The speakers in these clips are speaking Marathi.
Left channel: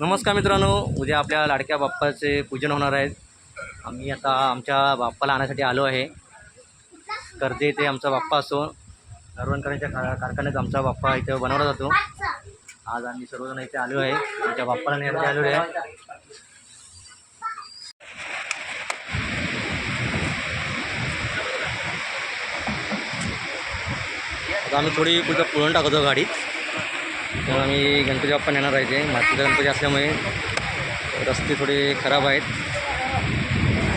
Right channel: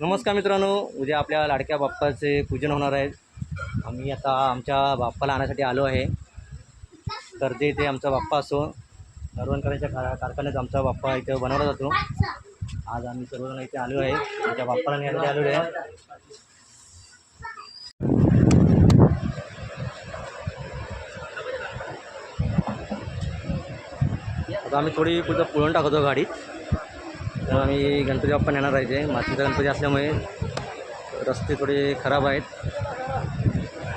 नमस्कार मित्रांनो उद्या आपल्या लाडक्या बाप्पाचे पूजन होणार आहे. आम्ही आता आमच्या बाप्पाला आणण्यासाठी आलो आहे. कर्जे इथे आमचा बाप्पा असो नरवणकरांच्या का कारखान्यात आमचा बाप्पा इथे बनवला जातो. आज आम्ही सर्वजण इथे आलो आहे. आमच्या बाप्पाला नेण्यासाठी आलेलो आहे. आता आम्ही थोडी कुठं पुळून टाकतो गाडीत. तर आम्ही गणपती बाप्पा नेणार आहे ते मातीचा गणपती असल्यामुळे रस्ते थोडे खराब आहेत.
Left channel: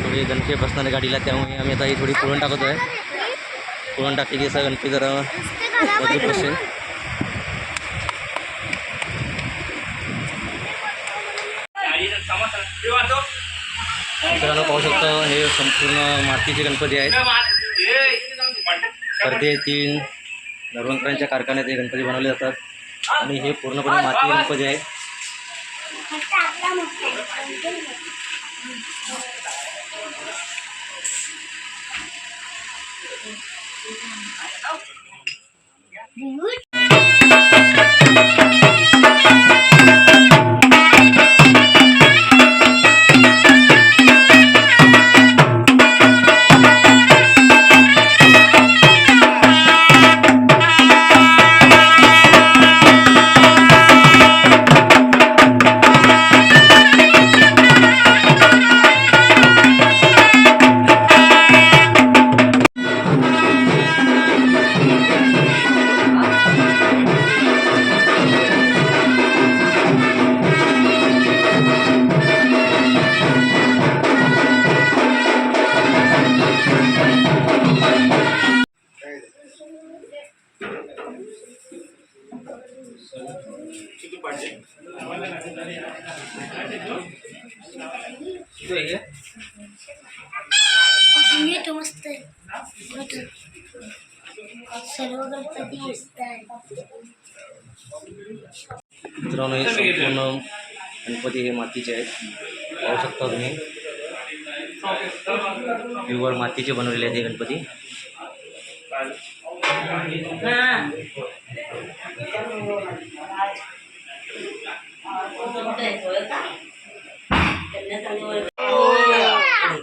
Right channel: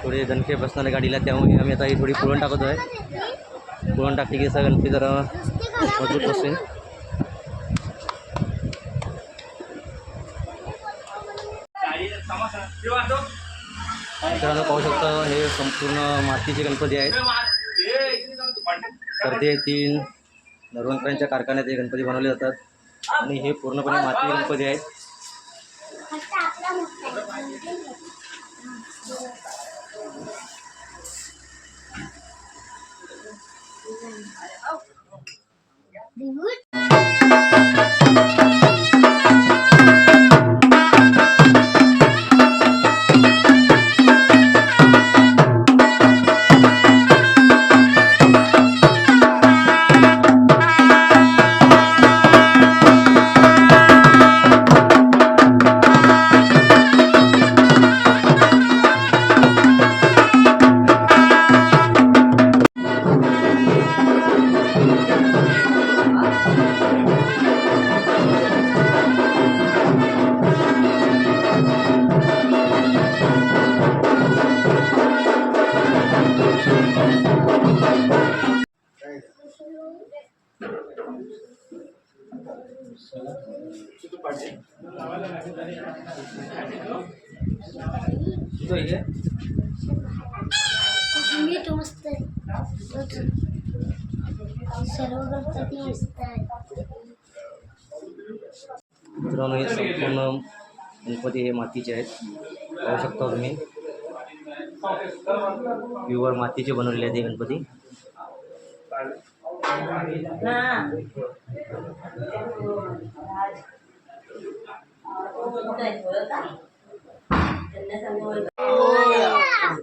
थोडे दणके बसणार आहे गाडीला त्यामुळे आम्ही आता ही थोडी पुळण टाकतो आहे पुळण टाकली की असा गणपती जरा मजबूत बसेल. मित्रांनो पाहू शकता हे संपूर्ण मातीचे गणपती आहेत. कर्दे तीन नरवणकरांच्या कारखान्यात हे गणपती बनवले जातात. आणि हे पूर्णपणे माती रंग आहे. गणपती आहेत मी तो मस्त आहे सर्व गणपती मस्त आहे मित्रांनो हे संपूर्ण गणपती हे मातीचे आहेत. पाहू शकता तुम्ही. प्युअर मातीचे बनवलेले आहेत हे गणपती.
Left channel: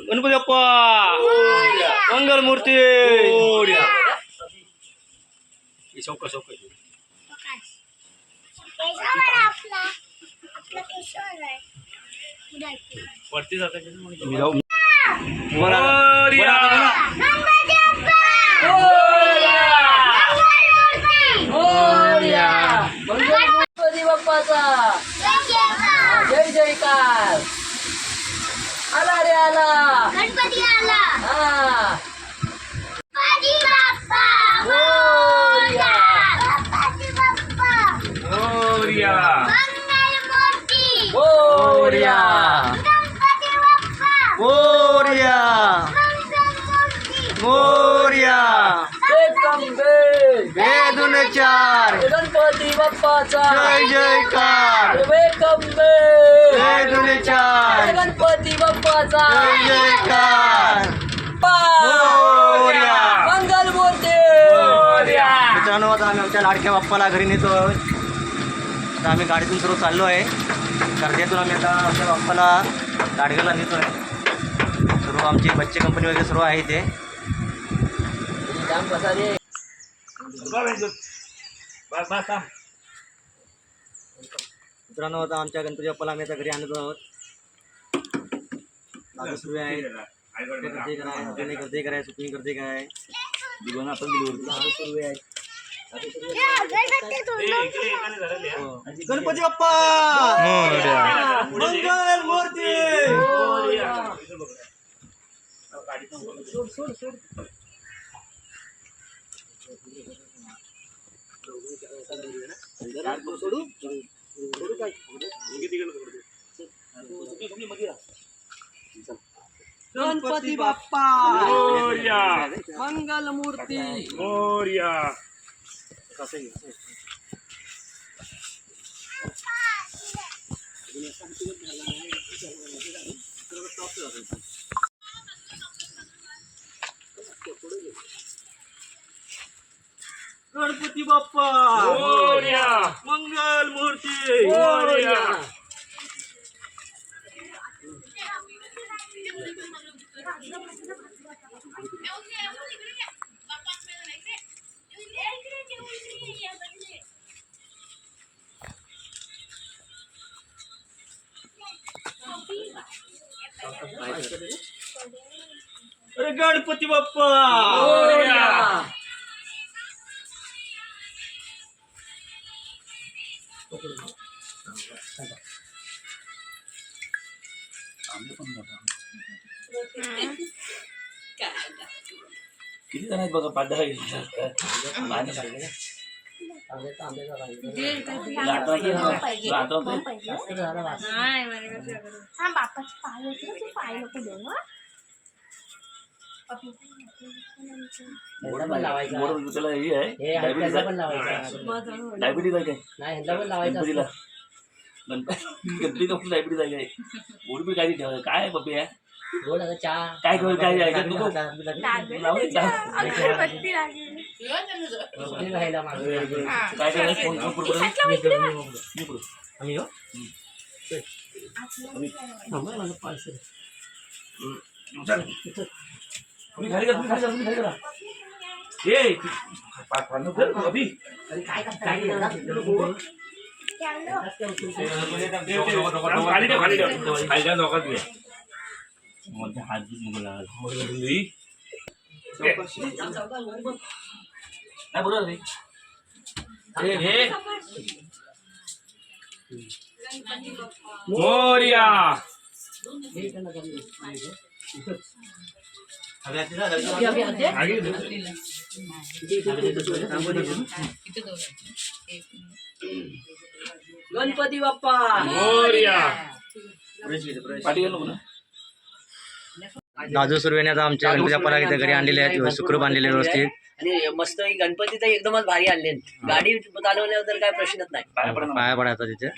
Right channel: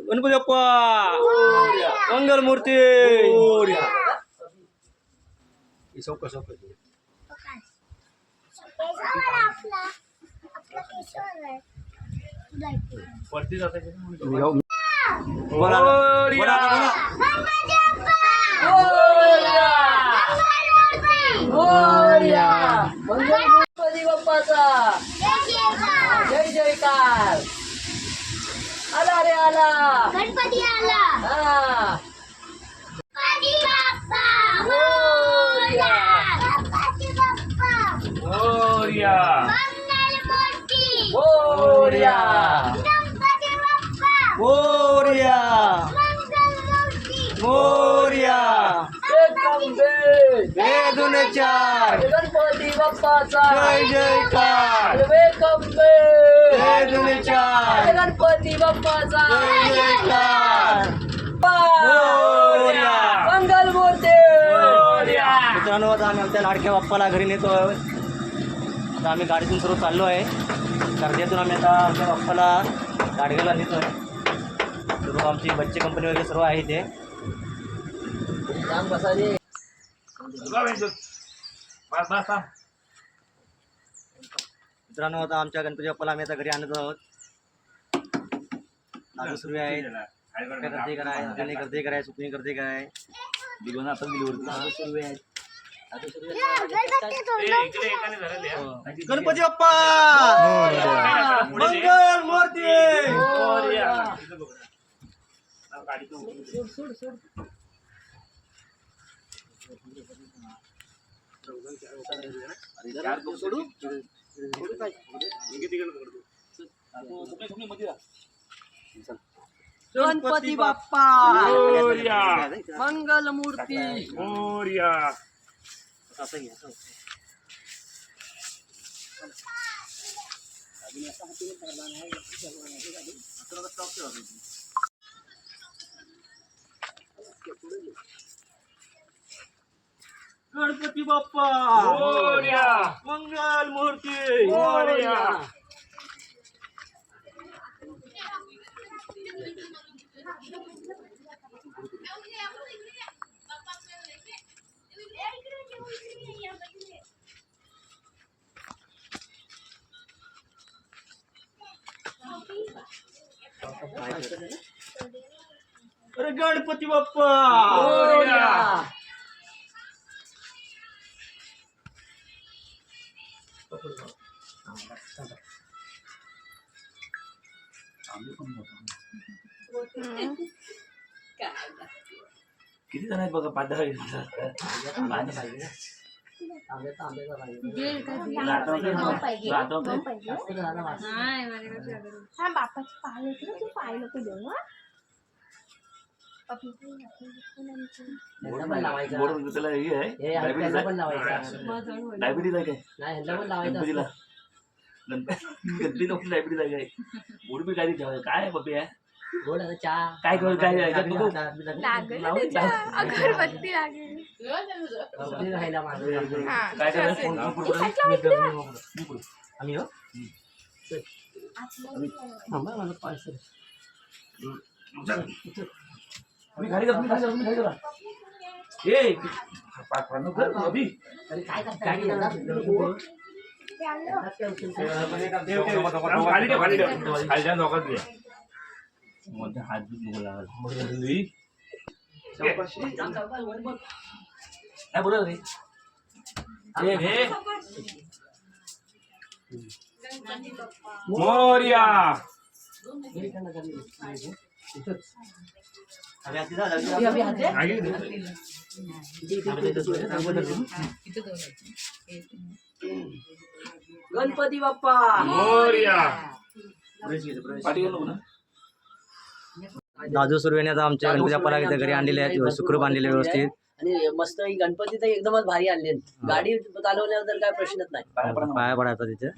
गणपती बाप्पा मंगल मूर्ती आपला आपला केशवर आहे तुम्ही जाऊ बोला बोला आता बोला गणपती बाप्पाचा जयकार आला रे आला. गणपती आला. हा. वेदुन चार गणपती बाप्पाचा जय जयकार वेलकम वेदुन चार गणपती बाप्पाचा जय जयकार. मंगल मूर्ती मित्रांनो आता आम्ही आमच्या लाडक्या बाप्पाला घरी नेतो. आता आम्ही गाडीतून सर्व चाललो आहे. कर्जातून आम्ही आता आमच्या बाप्पाला गाडगेला नेतो आहे सर्व आमची बच्चे कंपनी वगैरे सर्व आहे ते जाम बसा रे मित्रांनो आता आमच्या गणपती बाप्पाला आम्ही आता घरी आणत आहोत. दादा सुरू आहे गर्दी कराय गणे गर्दी कराय सुकणी गर्दी कराय. दादा सुरू आहे हो. गणपती बाप्पा! मंगल मूर्ती! गणपती बाप्पा। मंगल मूर्ती असं घे, गणपती बाप्पा! मंगल मूर्ती! अरे गणपती बाप्पा! किती जण आहेत बघा पाच दहा हा बापाचे पाय होते हा बरोबर त्याला हे आहे. डायबिटीज आहे. डायबिटीज आहे. काय? गणपतीला गणपती डॉक्टर डायबिटीज आहे काय? गोड बी काय ठेवायचं काय आहे बाबी काय करू काय ऐकत नको. अगरबत्ती लागेल. काय करायचं? फोन फोन पुढे पुढे. मी पुढे. आम्ही हो. तुम्ही खाली जा तुम्ही खाली जा तुम्ही खाली ए कर अभि खाली ठेव खाली ठेव. खाली ठेव नोकत घे. मोठे हात बीत नको लागायला. काय बोलत रे ए, हे. मोरया. गणपती बाप्पा. नाजू सुरवेने आता आमच्या गणपती बाप्पाला इथे घरी आणलेले आहेत. सुखरूप आणलेले व्यवस्थित. आणि मस्त ही गणपती तर एकदमच भारी आणले गाडी चालवण्याबद्दल काय प्रश्नच नाही. पाया पडा ना. पाया पडायचा तिथे.